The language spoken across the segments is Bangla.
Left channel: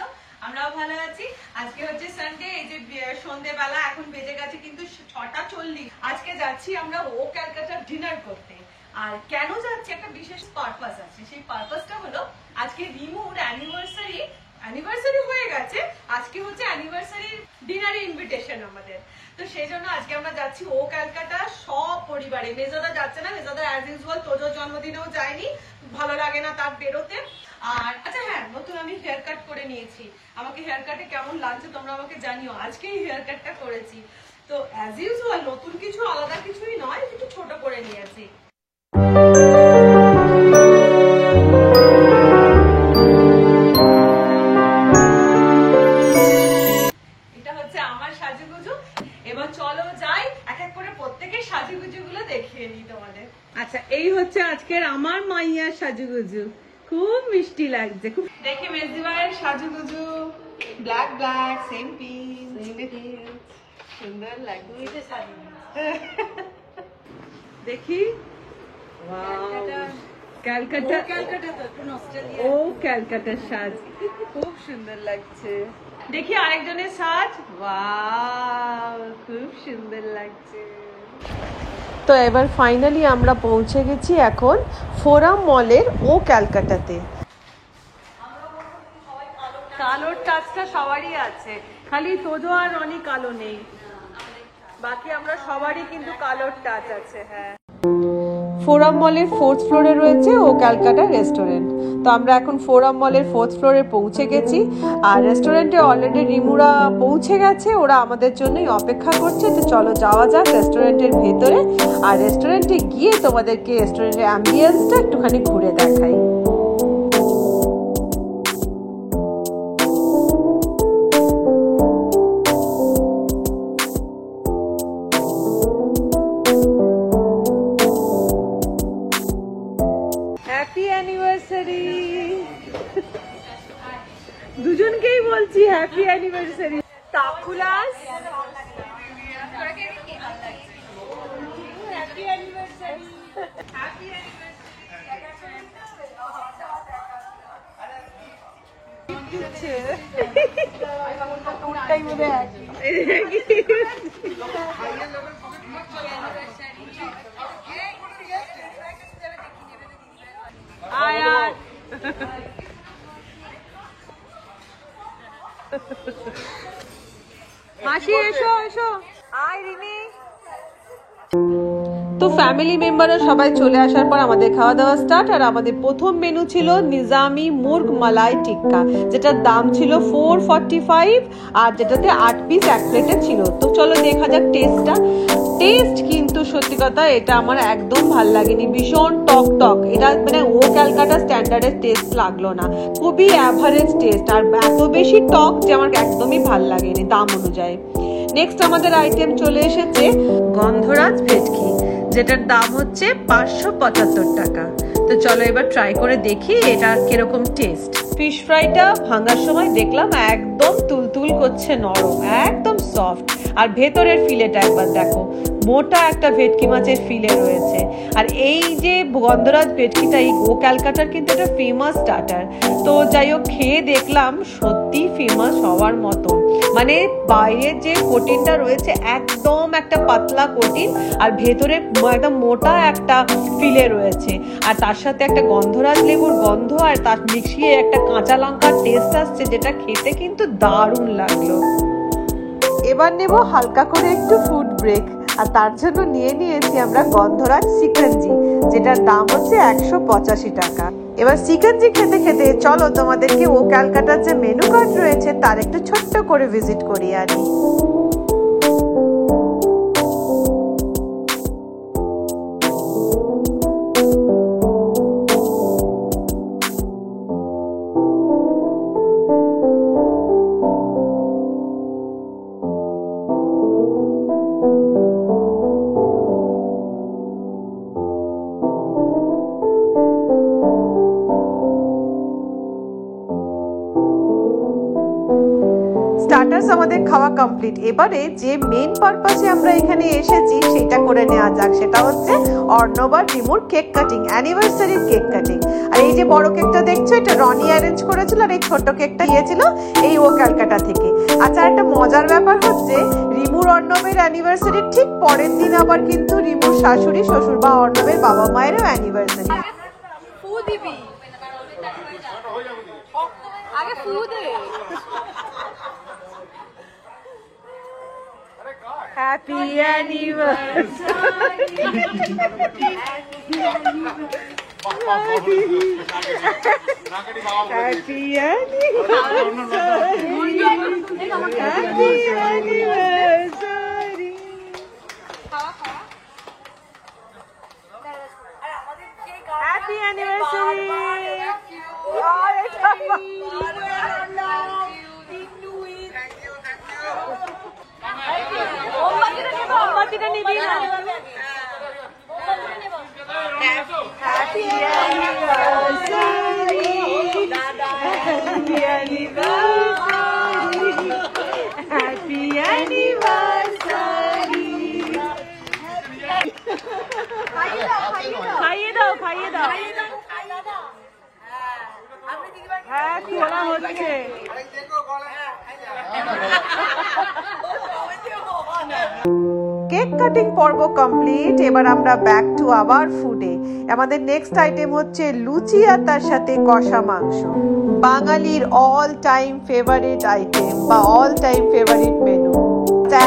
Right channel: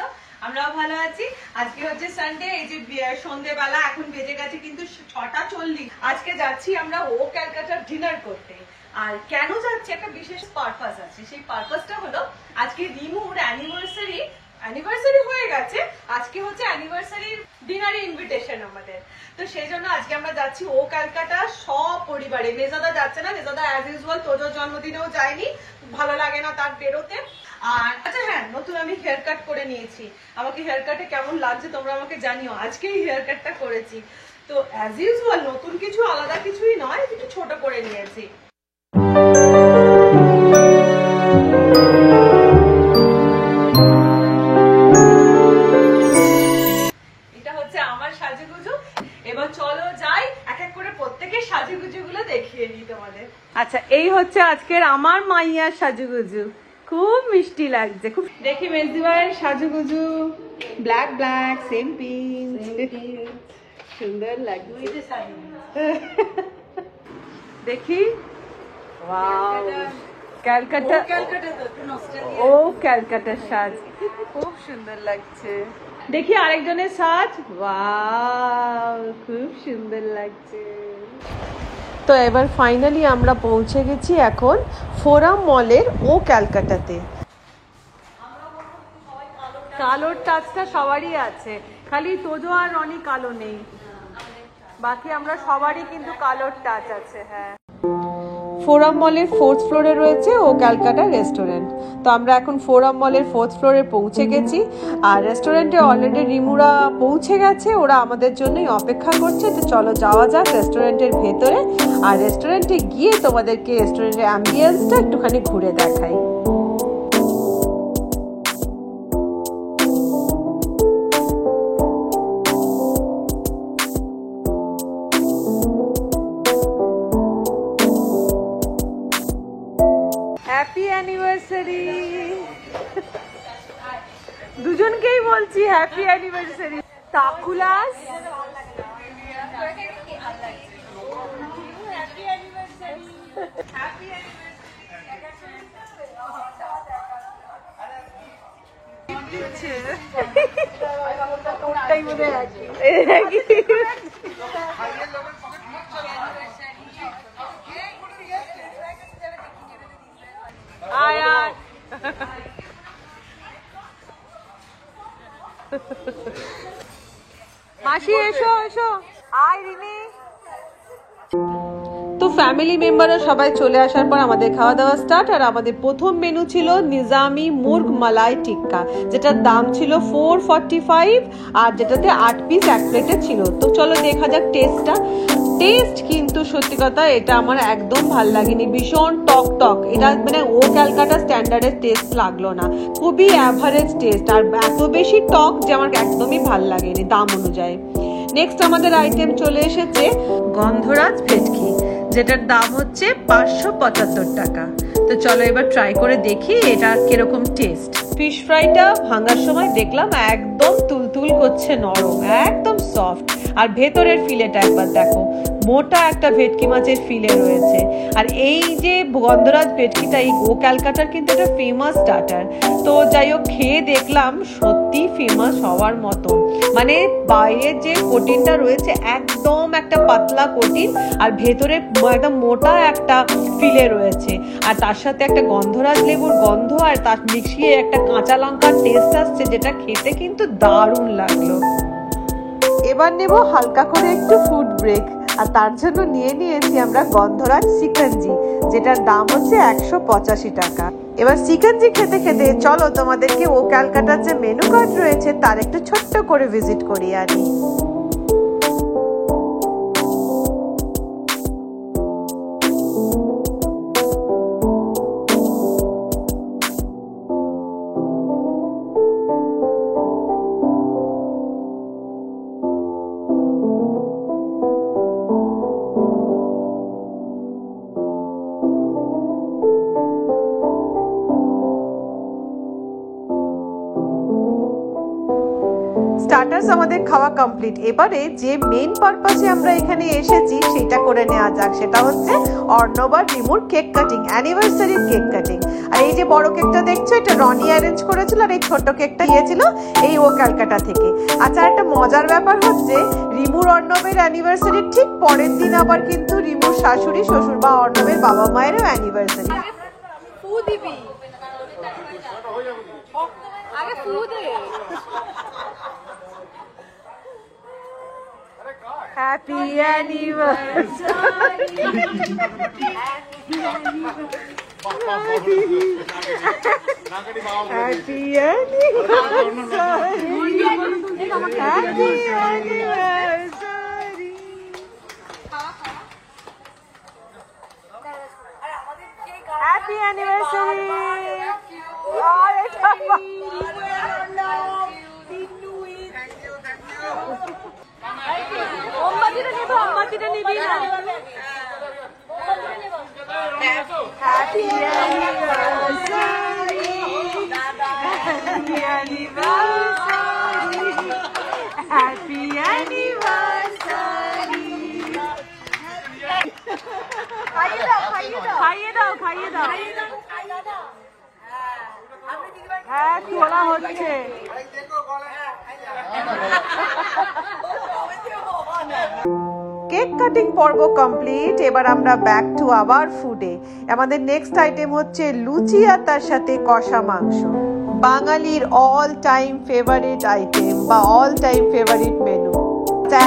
আছো? আমরাও ভালো আছি। আজকে হচ্ছে সানডে, এই যে সন্ধ্যেবেলা এখন বেজে গেছে কিন্তু 6:40। আজকে যাচ্ছি আমরা ও ক্যালকাটার ডিনার করতে। আর কেন যাচ্ছি, একটা বিশেষ পারপাস আছে। সেই পারপাসটা হলো আজকে রিমুর অ্যানিভার্সারি হয়ে গেছে, আজকে হচ্ছে অ্যানিভার্সারি ডিনারে ইনভিটেশন আমাদের। তো সেই জন্য আজকে আমরা যাচ্ছি ও ক্যালকাটা সব পরিবারে। মেজাদা যাচ্ছে না, মেজাদা অ্যাজ ইউজুয়াল তোজোর জন্মদিনেও যায়নি, ভালো লাগে না তার বেরোতে। আর আচ্ছা হ্যাঁ, নতুন আমি হেয়ার কাট করে নিয়েছি। আমাকে হেয়ার কাটে কেমন লাগছে তোমরা আমাকে জানিও। আজকেই হেয়ার কাটটা করেছি। তো অ্যাজ ইউজুয়াল নতুন কিছু, আলাদা কিছুই নয়, একটু ছোট করে নিয়েছি। এটা হচ্ছে আমার সাজুগুজু। এবার চলো যাই, এক এক করে প্রত্যেকের সাজুগুজু গুলো দেখিয়ে দিই তোমাদের। আচ্ছা, এই হচ্ছে আজকের আমার মাইয়ার সাজুগুজু। খুব মিষ্টি লাগছে, খুব। দেখি মেজদিবার সাজুগুজু, ব্ল্যাক ব্ল্যাক সেম পিঙ্ক, সুন্দর লাগছে। দেখি, ওয়াও, ক্যালকাটা, ও ক্যালকাটার সাজ খুব সুন্দর লাগছে। দেখি আরেকজনের সাজ, ওয়াও, খুব সুন্দর লাগছে। তো এবার ফাইনালি আমরা পৌঁছে গেছি এখন ফোরাম মলের ও ক্যালকাটাতে। কালোর টাচটা সবারই আছে, খালি তোজো আর রনি কালো নেই, বাকি আমরা সবারই কিন্তু কালোর টাচ আছে। হ্যাঁ, ফোরাম মলের 4th ফ্লোরে রয়েছে ও ক্যালকাটা রেস্টুরেন্ট। তো আমরা এখন ফোরাম মলের 4th ফ্লোরে পৌঁছে গেছি। আর রেস্টুরেন্টে অলরেডি রিমুরা পৌঁছে গেছে, ওরা আমাদের জন্যই অপেক্ষা করছে। তো চলো যাওয়া যাক রেস্টুরেন্টের ভেতরে। আর রেস্টুরেন্টে গিয়ে তোমাদেরকে রেস্টুরেন্টের অ্যাম্বিয়েন্সটা একটুখানি ঘুরে দেখাই। হ্যাপি অ্যানিভার্সারি, দুজনকেই বলছি হ্যাপি অ্যানিভার্সারি। তাকুলাস, মাসি এসো এসো, আয় রিমি। তো ফ্যামিলি মেম্বাররা সবাই চলে আসার পর আমাদের খাওয়া দাওয়া স্টার্ট। আর আমাদের প্রথম মেনু ছিল নিজামি মুর্গ মালাই টিক্কা, যেটার দাম ছিল 445, আর যেটাতে 8 পিস এক প্লেটে ছিল। তো চলো দেখা যাক টেস্টটা। টেস্ট কিন্তু সত্যি কথা এটা আমার একদম ভাল লাগেনি, ভীষণ টক টক। এটা মানে ও ক্যালকাটা স্ট্যান্ডার্ডের টেস্ট লাগলো না, খুবই অ্যাভারেজ টেস্ট। আর এত বেশি টক যে আমার একদমই ভাল লাগেনি দাম অনুযায়ী। নেক্সট আমাদের আইটেম চলে এসেছে গন্ধরাজ ভেটকি, যেটার দাম হচ্ছে 575 টাকা। তো চলো এবার ট্রাই করে দেখি এটা কিরকম টেস্ট। ফিশ ফ্রাইটা ভাঙার সময় দেখলাম একদম তুলতুল করছে, নরম, একদম সফট। আর ভেতরের ফিলেটা একবার দেখো, মোটা একটা ভেটকি মাছের ফিলে রয়েছে। আর এই যে গন্ধরাজ ভেটকিটা এই ও ক্যালকাটার কিন্তু একটা ফেমাস স্টার্টার। তো যাই হোক, খেয়ে দেখলাম সত্যি ফেমাস হওয়ার মতন। মানে বাইরের যে কোটিনটা রয়েছে একদম একটা পাতলা কোটিন, আর ভেতরে একদম মোটা একটা ফিলে রয়েছে। আর তার সাথে একটা গন্ধরাজ লেবুর গন্ধ, আর তার মিশিয়ে একটা কাঁচা লঙ্কার টেস্ট আসছে, যেটা খেতে কিন্তু দারুণ লাগলো। এবার নেব হালকা করে একটু ফুড ব্রেক, আর তার জন্য নিয়ে নিয়েছি আমরা গন্ধরাজ চিকেনজি, যেটার দাম হচ্ছে 185 টাকা। এবার চিকেনজি খেতে খেতে চলো তোমাদেরকে ও ক্যালকাটার যে মেনু কার্ড রয়েছে তার একটু ছোট্ট করে ভিজিট করিয়ে আনি। স্টার্টার্স আমাদের খাওয়া কমপ্লিট। এবারে যে মেইন পারপাসে আমরা এখানে এসেছি সেটা করে নেওয়া যাক, সেটা হচ্ছে অর্ণব আর রিমুর cake cutting, anniversary cake cutting. আর এই যে বড় কেকটা দেখছো, এটা রনি অ্যারেঞ্জ করেছিল, আর এই ছোট কেকটা দিয়েছিল এই ও ক্যালকাটা থেকে। আচ্ছা, একটা মজার ব্যাপার হচ্ছে রিমুর অর্ণবের অ্যানিভার্সারির ঠিক পরের দিন আবার কিন্তু রিমুর শাশুড়ি শ্বশুর বা অর্ণবের বাবা মায়েরও anniversary. Happy anniversary. Happy anniversary. Cake cutting পর্ব কমপ্লিট। এবার আমরা ব্যাক টু আওয়ার ফুডে। আমাদের নেক্সট আইটেম হচ্ছে লুচি আর তার সাথে কষা মাংস, বাঙালির অল টাইম ফেভারিট আইটেম বা অল টাইম ফেভারিট মেনু।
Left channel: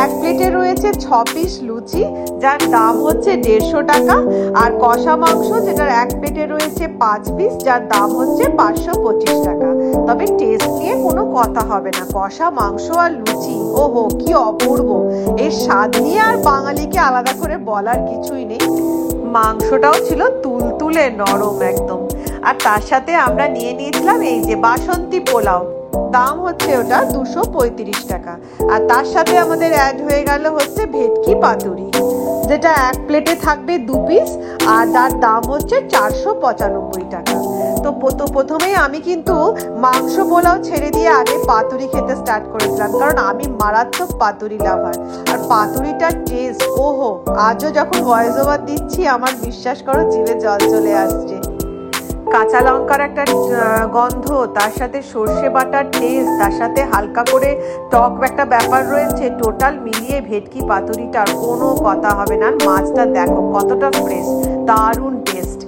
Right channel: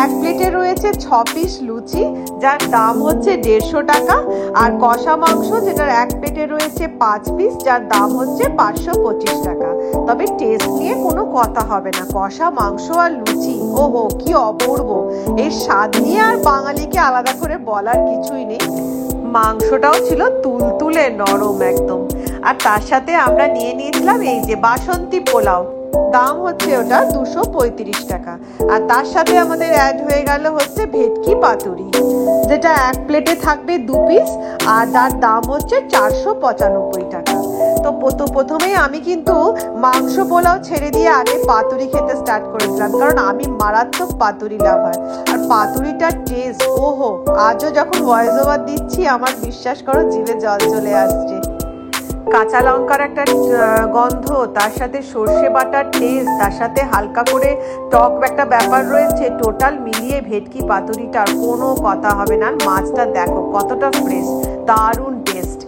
এক প্লেটে রয়েছে 6 পিস লুচি, যার দাম হচ্ছে 150 টাকা, আর কষা মাংস যেটার এক প্লেটে রয়েছে 5 পিস, যার দাম হচ্ছে 525 টাকা। তবে টেস্ট নিয়ে কোনো কথা হবে না, কষা মাংস আর লুচি ওহো কি অপূর্ব। এর স্বাদ নিয়ে আর বাঙালিকে আলাদা করে বলার কিছুই নেই। মাংসটাও ছিল তুলতুলে নরম একদম। আর তার সাথে আমরা নিয়ে নিয়েছিলাম এই যে বাসন্তী পোলাও, দাম হচ্ছে ওটা 235 টাকা। আর তার সাথে আমাদের অ্যাড হয়ে গেল হচ্ছে ভেটকি পাতুরি, যেটা এক প্লেটে থাকবে 2 পিস, আর তার দাম হচ্ছে 495 টাকা। তো প্রথমেই আমি কিন্তু মাংস পোলাও ছেড়ে দিয়ে আগে পাতুরি খেতে স্টার্ট করেছিলাম, কারণ আমি মারাত্মক পাতুরি লাভার। আর পাতুরিটার টেস্ট ওহো, আজও যখন ভয়েস ওভার দিচ্ছি আমার বিশ্বাস করো জিভে জল চলে আসছে। কাঁচা লঙ্কার একটা গন্ধ, তার সাথে সর্ষে বাটার টেস্ট, তার সাথে হালকা করে টক একটা ব্যাপার রয়েছে, টোটাল মিলিয়ে ভেটকি পাতুরিটার কোনো কথা হবে না। মাছটা দেখো কতটা ফ্রেশ, দারুণ টেস্ট।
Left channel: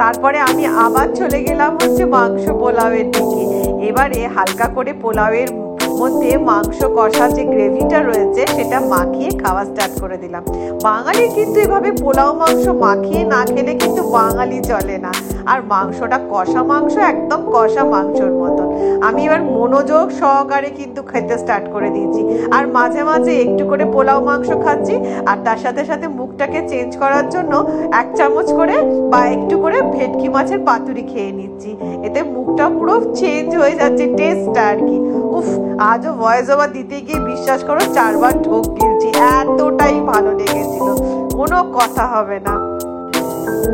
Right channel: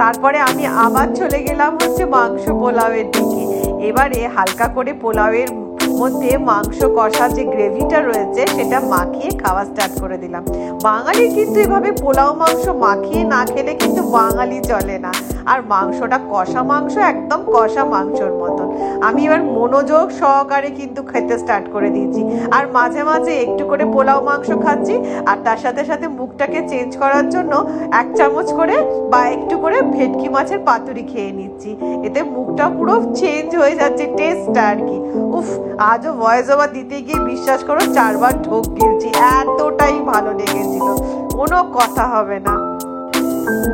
তারপরে আমি আবার চলে গেলাম হচ্ছে মাংস পোলাওয়ের দিকে। এবারে হালকা করে পোলাওয়ের মধ্যে মাংস কষা যে গ্রেভিটা রয়েছে সেটা মাখিয়ে খাওয়া স্টার্ট করে দিলাম। বাঙালি কিন্তু এভাবে পোলাও মাংস মাখিয়ে না খেলে কিন্তু বাঙালি চলে না। আর মাংসটা কষা মাংস, একদম কষা মাংসর মতন। আমি এবার মনোযোগ সহকারে কিন্তু খেতে স্টার্ট করে দিয়েছি, আর মাঝে মাঝে একটু করে পোলাও মাংস খাচ্ছি, আর তার সাথে সাথে মুখটাকে চেঞ্জ করার জন্য 1 চামচ করে বা একটু করে ভেটকি মাছের পাতুরি খেয়ে নিচ্ছি। এতে মুখটা পুরো চেঞ্জ হয়ে যাচ্ছে টেস্টটা আর কি। উফ, আজও ভয়েস ওভার দিতে গিয়ে বিশ্বাস করো 4 বার ঢোক গিলছি, এতটাই ভালো লেগেছিল, কোনো কথা হবে না।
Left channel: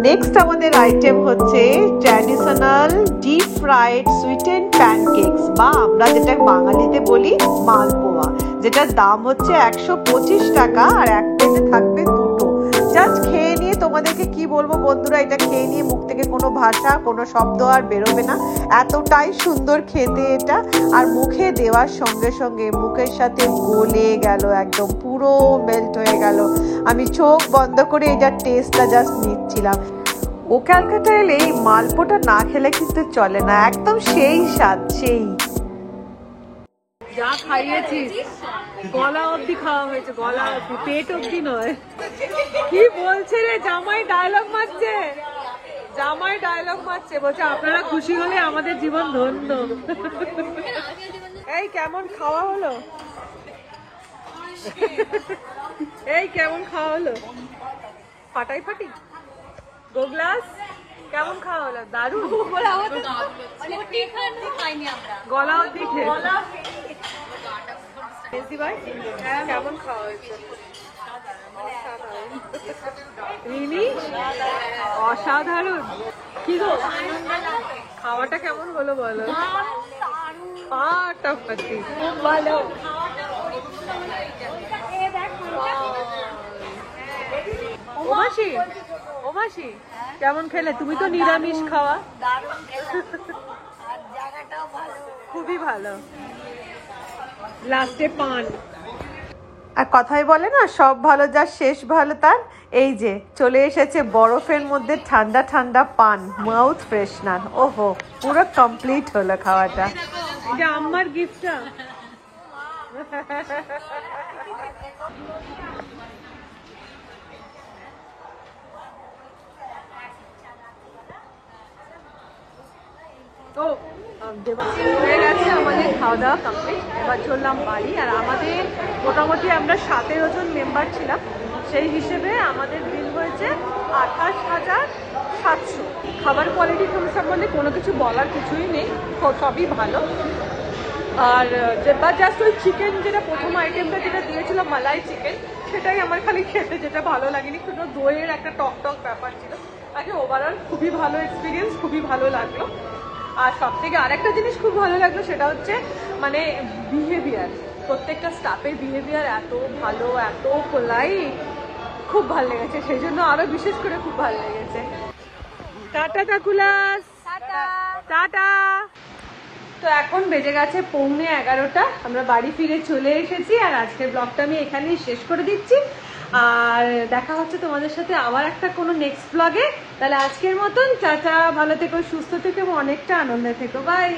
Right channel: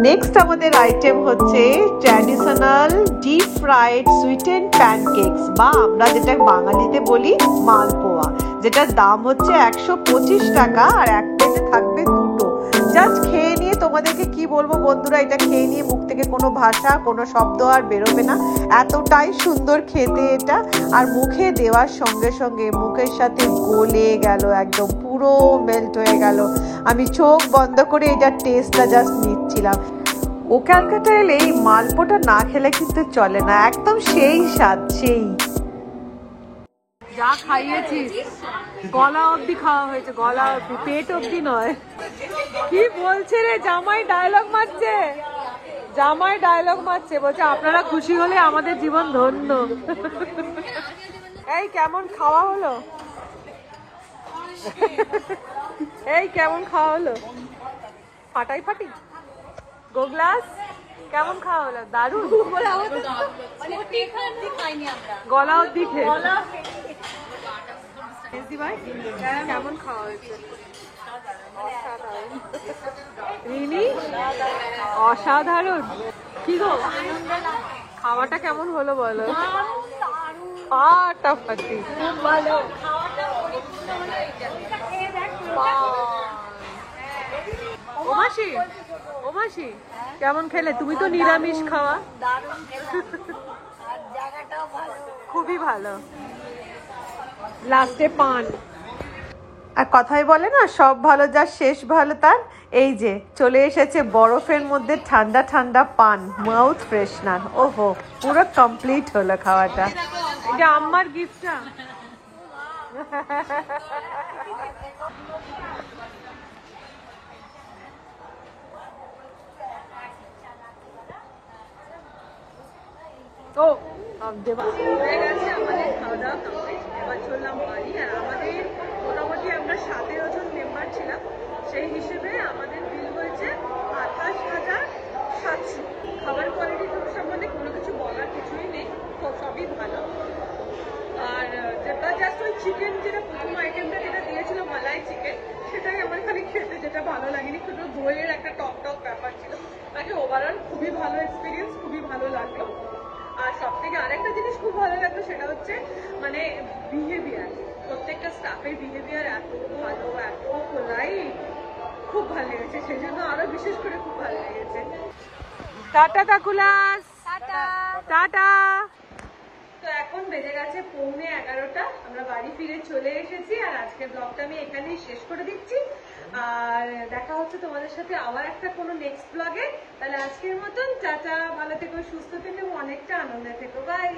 নেক্সট আমাদের আইটেম হচ্ছে traditional deep fried sweeten pancakes, বা আমরা যেটা বাঙালিতে বলি মালপোয়া, যেটার দাম হচ্ছে 125 টাকা, আর এক প্লেটে থাকবে 2টো। জাস্ট খেয়ে নিয়ে তোমাদেরকে কি বলবো বন্ধুরা, এটা খেয়ে নিয়ে মুখ থেকে কোনো ভাষা কোনো শব্দ আর বেরোবে না, এতটাই সুন্দর খেতে এটা। আর মুখে দেওয়ার সঙ্গে সঙ্গে মুখের সাথে গলে গেল, একদম পুরো মেল্ট হয়ে গেল। আমি চোখ বন্ধ করে এটার টেস্টটা জাস্ট নিচ্ছিলাম। ও ক্যালকাটা এলে এই মালপোটা না খেলে কিন্তু চলে না, একদম সেই স্বাদ, সেই যা খাইয়েছিস গলা অব্দি খাওয়া হয়েছে, গলা অব্দি, পেট অব্দি নয়। কি বলছে রে, জামাই ডায়লগ মারছে, জামাই ডায়লগ মারছে, বলছে আপনারা খুশি হলে আমাদের জীবন ধন্য। এই কেমন খাওয়া হলো, এই কেমন খাওয়া হলো, ফাটাই ফাটি গোগ্লাস, কেমন খাওয়া হলো? দারুণ, গলা অব্দি খেয়ে কেমন খাওয়া হয়েছে? রিনি অসাধারণ। কি গো, খাওয়াটা কেমন হলো বলো? ফাটাফাটি। কেমন খেলে? তুমি তো নিরামিষ খাওয়া। খুবই ভালো। লাস্টে পান। আর কথাই বলে না, সব ভালো যার শেষ ভালো তার। এই যে চলে এসেছে বরফের মধ্যে ঠান্ডা ঠান্ডা পান, মাউথ ফ্রেশনার। ওহো, পুরো কমপ্লিট হলো খাওয়াটা। এটা আমার গিফটটা। তো হয়ে গেছে আমাদের খাওয়া দাওয়া কমপ্লিট। এবার চললাম বাড়ি। আর আমাদের মোটামুটি আমরা 17 জন মেম্বার ছিলাম, সেই হিসেবে আমাদের বিল হয়েছে 28,700। খাবার কোয়ালিটি সম্বন্ধে কোনো কিছু বলার কিছুই নেই, সবই ভালো। আর বা জাস্ট ওই চিকেন, যেটা প্রথম আইটেমটা যেটা দিয়েছিল মালাই চিকেন, সেটাই আমার খালি খেতে যেটা ভালো লাগেনি, শুধু দইয়ের একটা টক টক ব্যাপার ছিল। বাকি ওভারঅল খুবই ভালো এক্সপিরিয়েন্স, খুবই ভালো লাগলো। আর সব থেকে আরেকটা জিনিস খুব ভালো লাগলো, সেটা হচ্ছে মানে বিহেভিয়ার। প্রত্যেকটা স্টাফের বিহেভিয়ার এত ভালো, এত পোলাইট, খুব ভালো লেগেছে। সেই জন্য আরো বিশেষ করে খুব ভালো লেগেছে। Tata কাকুলাস, tata. তো এখন বেজে গেছে 11:45, আমরা বাড়ি ফিরে চলে এসেছি। আর আজকের ব্লগটা আমি এখানেই শেষ করে দিচ্ছি। আর দেখা হচ্ছে তোমাদের সাথে আবার একটা কোনো নেক্সট ব্লগে। তাহলে আজকের মতন টাটা, ভালো থেকো, সুস্থ থেকো এবং অনেকটা আনন্দে থেকো। বাই।